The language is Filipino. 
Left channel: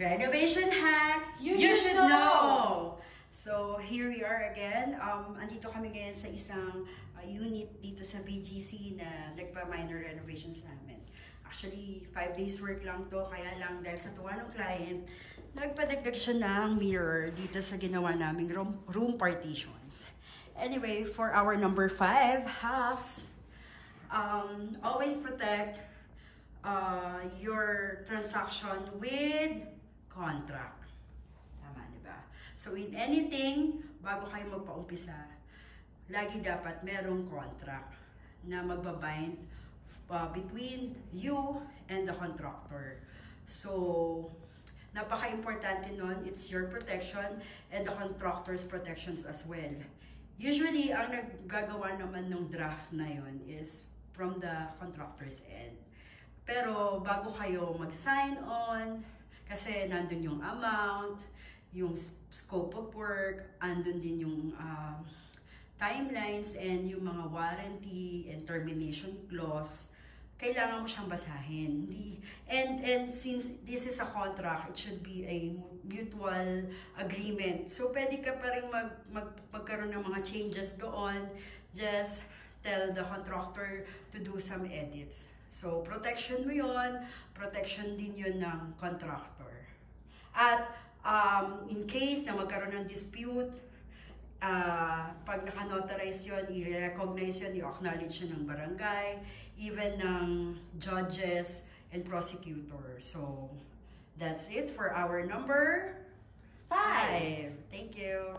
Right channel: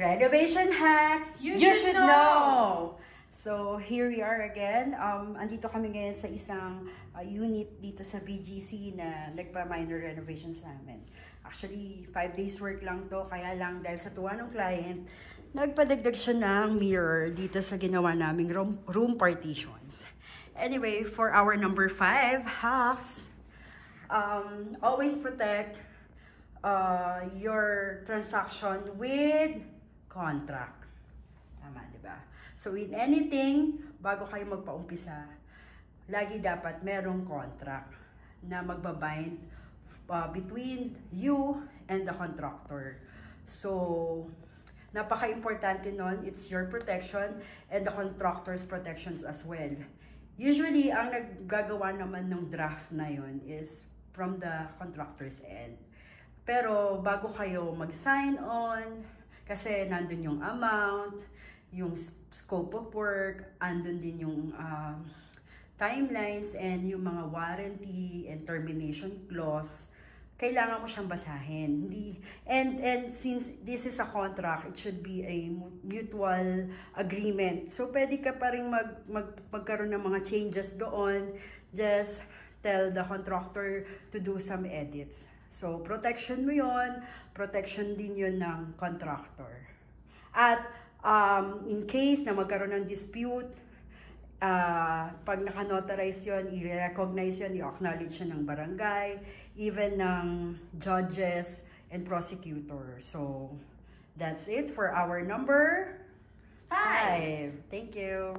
Renovation hacks you should know! So, here we are again. Andito kami ngayon sa isang unit dito sa BGC na nagpa-minor renovations namin. Actually, 5 days work lang to. Kaya lang dahil sa tuwa ng client, nagpadagdag siya ng mirror dito sa ginawa naming room partitions. Anyway, for our number 5 hacks, always protect your transaction with contract. Tama, di ba? So, in anything, bago kayo magpaumpisa, lagi dapat merong contract na magbabind between you and the contractor. So, napaka-importante nun, it's your protection and the contractor's protections as well. Usually, ang naggagawa naman ng draft na yun is from the contractor's end. Pero bago kayo mag-sign on, kasi nandun yung amount, yung scope of work, andun din yung timelines and yung mga warranty and termination clause, kailangan mo siyang basahin. And since this is a contract, it should be a mutual agreement. So pwede ka pa rin magkaroon ng mga changes doon. Just tell the contractor to do some edits. So, protection mo yun, protection din yun ng contractor. At in case na magkaroon ng dispute, pag naka-notarize yun, i-recognize yun, i-acknowledge yun ng barangay, even ng judges and prosecutor. So, that's it for our number 5. Thank you.